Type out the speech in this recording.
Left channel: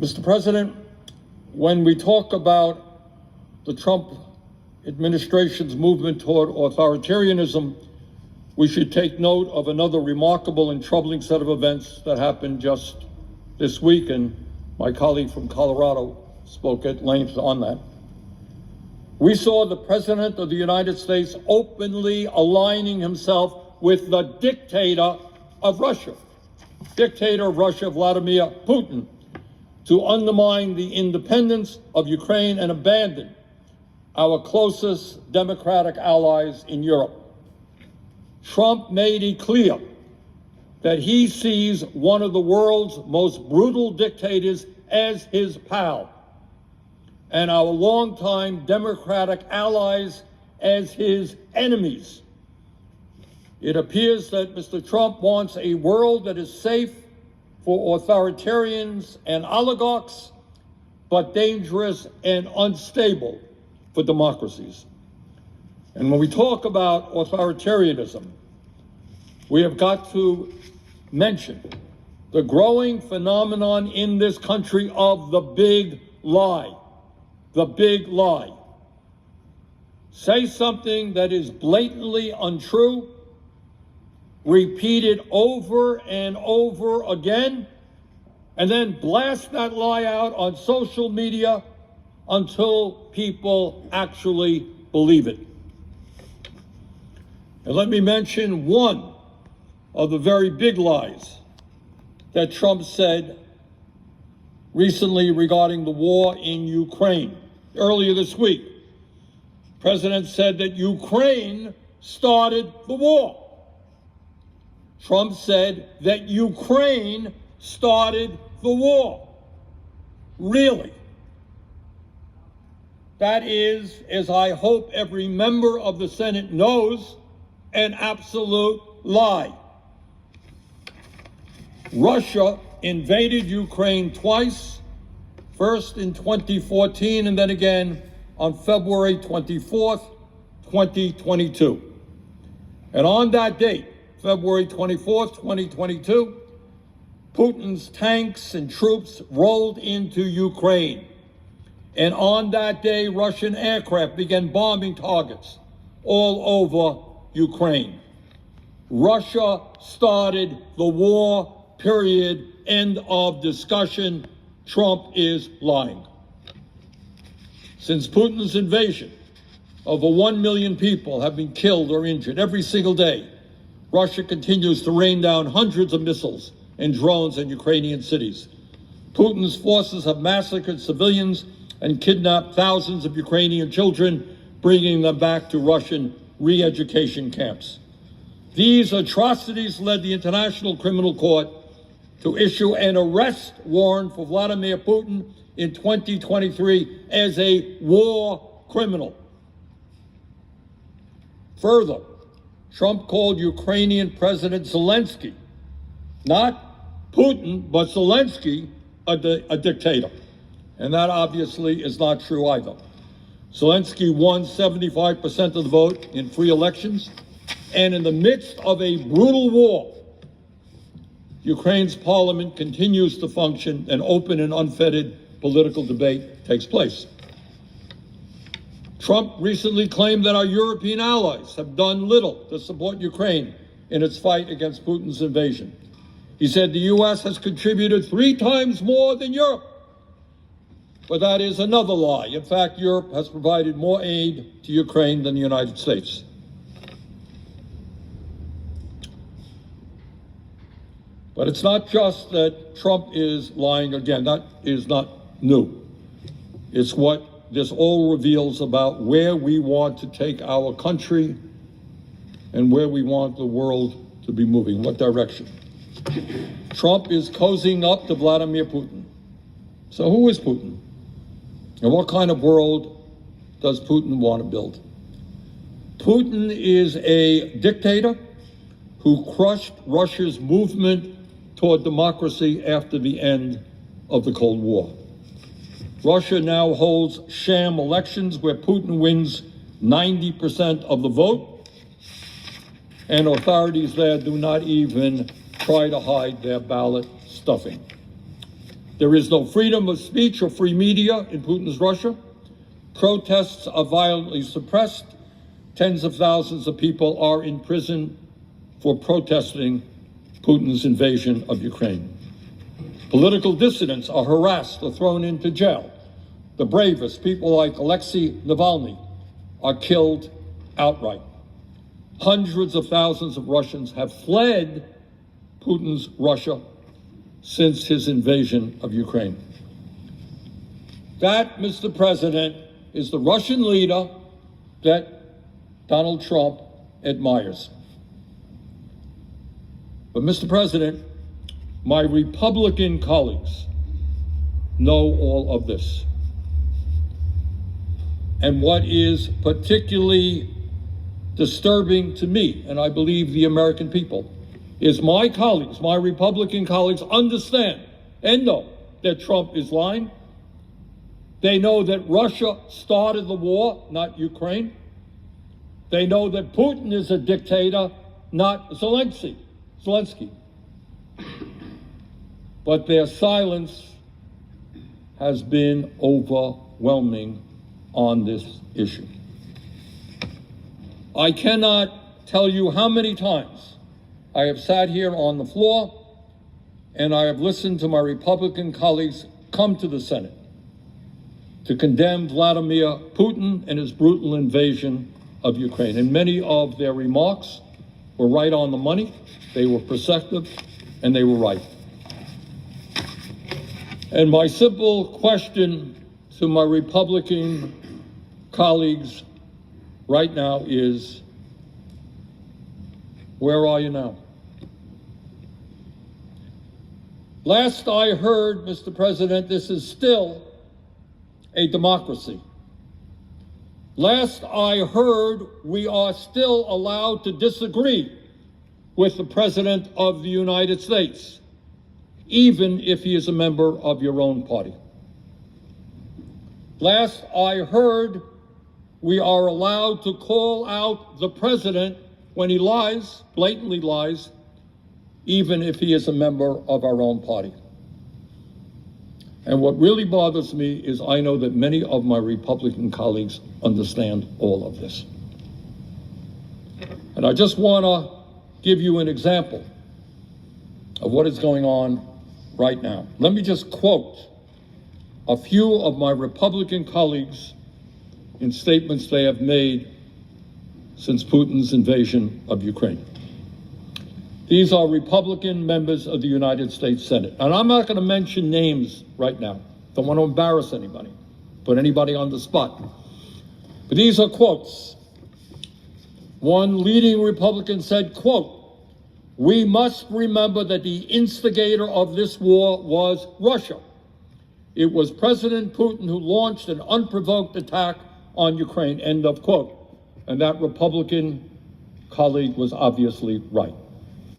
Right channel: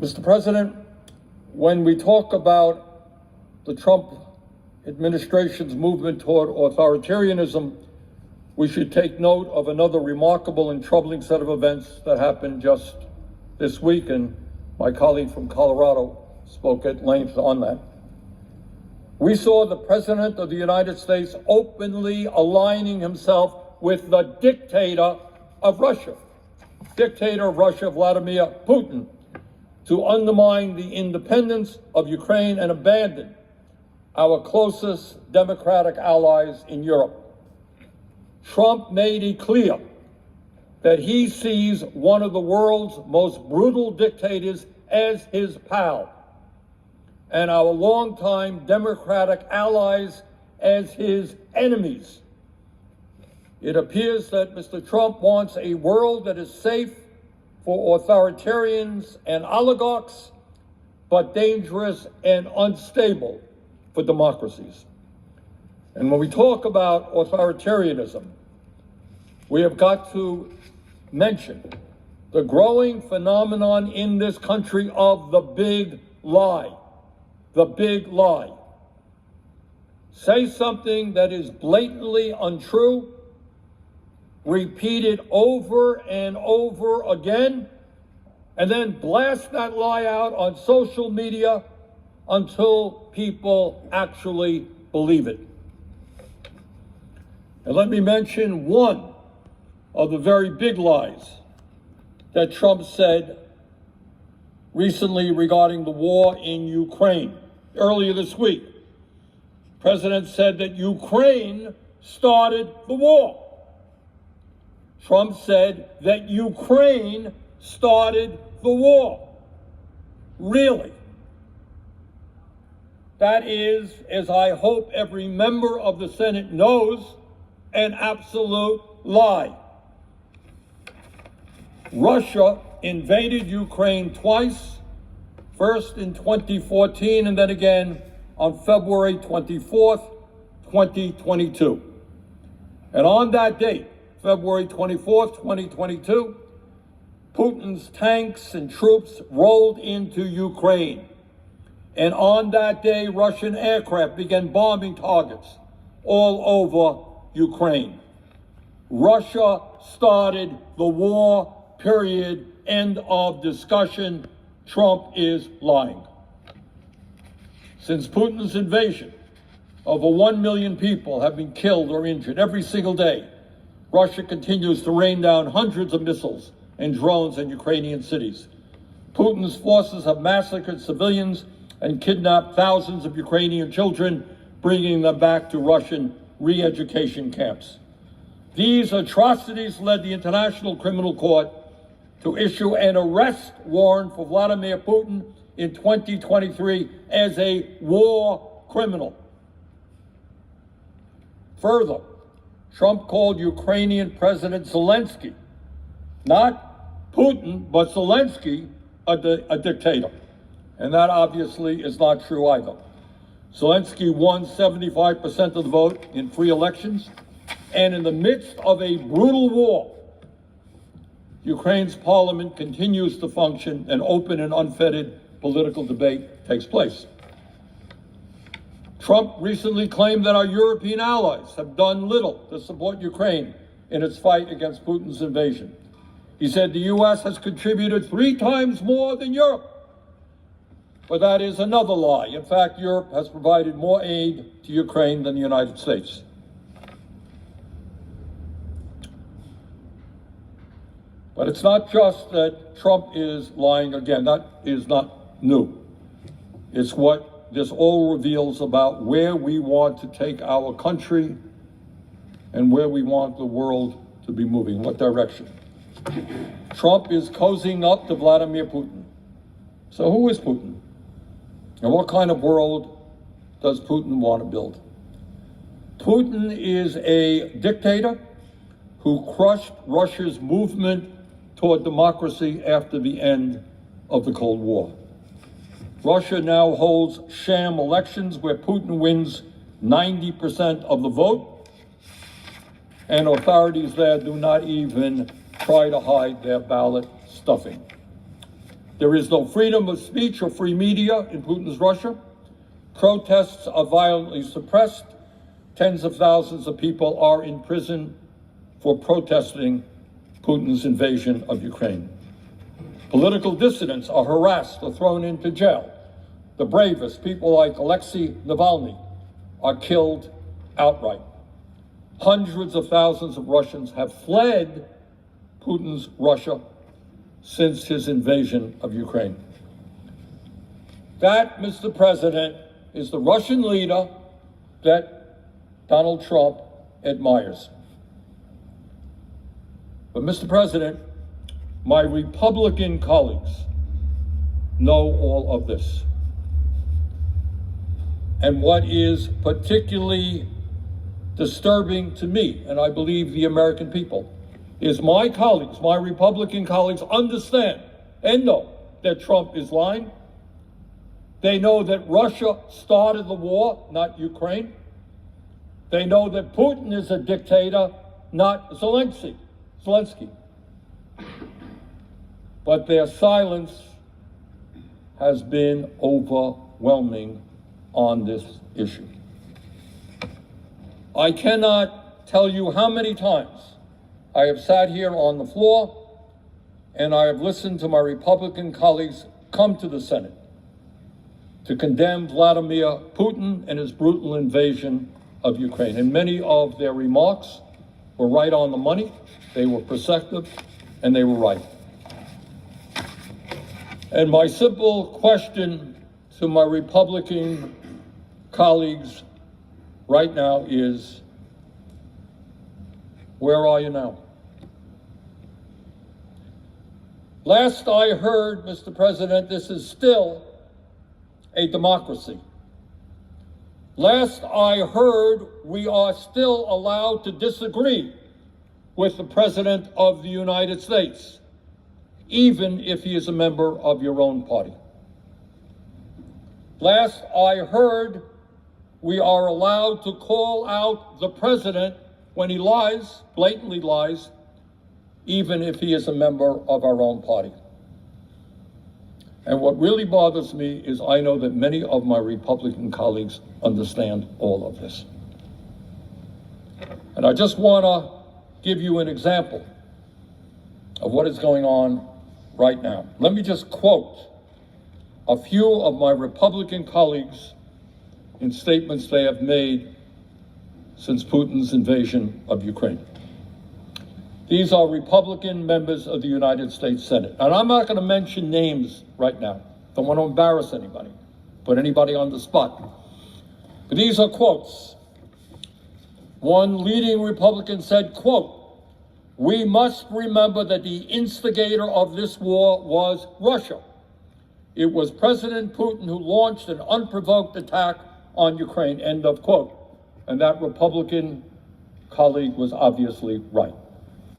Mr. President, when we talk about the Trump administration's movement toward authoritarianism, we should take note of another remarkable and troubling set of events that happened just this week, and my colleague from Colorado spoke at length on that. We saw the President of the United States openly aligning himself with the dictator of Russia, Vladimir Putin, to undermine the independence of Ukraine and abandon our closest democratic allies in Europe. Trump made it clear that he sees one of the world's most brutal dictators as his pal, and our longtime democratic allies as his enemies. It appears that Mr. Trump wants a world that is safe for authoritarians and oligarchs, but dangerous and unstable for democracies. And when we talk about authoritarianism, we have got to mention the growing phenomenon in this country of the big lie. The big lie. Say something that is blatantly untrue, repeat it over and over again, and then blast that lie out on social media until people actually believe it. And let me mention one of the very big lies that Trump said recently regarding the war in Ukraine. Earlier this week, the President said that Ukraine started the war. Trump said that Ukraine started the war. Really? That is, as I hope every member of the Senate knows, an absolute lie. Russia invaded Ukraine twice, first in 2014 and then again on February 24th, 2022. And on that date, February 24th, 2022, Putin's tanks and troops rolled into Ukraine. And on that day, Russian aircraft began bombing targets all over Ukraine. Russia started the war, period, end of discussion. Trump is lying. Since Putin's invasion, over 1 million people have been killed or injured every single day. Russia continues to rain down hundreds of missiles and drones in Ukrainian cities. Putin's forces have massacred civilians and kidnapped thousands of Ukrainian children, bringing them back to Russian re-education camps. These atrocities led the International Criminal Court to issue an arrest warrant for Vladimir Putin in 2023 as a war criminal. Further, Trump called Ukrainian President Zelensky, not Putin, but Zelensky, a dictator. And that obviously is not true either. Zelensky won 75% of the vote in free elections, and in the midst of a brutal war, Ukraine's parliament continues to function and open and unfettered political debate takes place. Trump recently claimed that our European allies have done little to support Ukraine in its fight against Putin's invasion. He said the U.S. has contributed 3 times more than Europe. But that is another lie. In fact, Europe has provided more aid to Ukraine than the United States. But it's not just that Trump is lying again. That is not new. It's what this all reveals about where we want to take our country and where we want the world to be moving, what direction. Trump is cozying up to Vladimir Putin. So who is Putin? And what kind of world does Putin want to build? Putin is a dictator who crushed Russia's movement toward democracy after the end of the Cold War. Russia now holds sham elections where Putin wins 90% of the vote, and authorities there do not even try to hide their ballot stuffing. There is no freedom of speech or free media in Putin's Russia. Protests are violently suppressed. Tens of thousands of people are in prison for protesting Putin's invasion of Ukraine. Political dissidents are harassed or thrown into jail. The bravest, people like Alexei Navalny, are killed outright. Hundreds of thousands of Russians have fled Putin's Russia since his invasion of Ukraine. That, Mr. President, is the Russian leader that Donald Trump admires. But, Mr. President, my Republican colleagues know all of this. And what is particularly disturbing to me, and I believe the American people, is my colleagues, my Republican colleagues, understand and know that Trump is lying. They know that Russia started the war, not Ukraine. They know that Putin is a dictator, not Zelensky. But their silence has been overwhelming on this issue. I cannot tell you how many times I have sat here on the floor and I have listened to my Republican colleagues come to the Senate to condemn Vladimir Putin and his brutal invasion of Ukraine. And many of their remarks were right on the money, they were perceptive, and they were right. And my simple question to my Republican colleagues right now is, where are you now? Last I heard, Mr. President, this is still a democracy. Last I heard, we are still allowed to disagree with the President of the United States, even if he is a member of your own party. Last I heard, we are allowed to call out the President when he lies, blatantly lies, even if he is a member of our own party. And what really bothers me is I know that many of my Republican colleagues understand all of this. And I just want to give you an example of what is going on right now. Let me just quote a few of my Republican colleagues in statements they have made since Putin's invasion of Ukraine. These are Republican members of the United States Senate. And I'm not going to mention names right now. Don't want to embarrass anybody, put anybody on the spot. But these are quotes. One leading Republican said, quote, "We must remember that the instigator of this war was Russia. It was President Putin who launched an unprovoked attack on Ukraine," end of quote. And that Republican colleague was obviously right.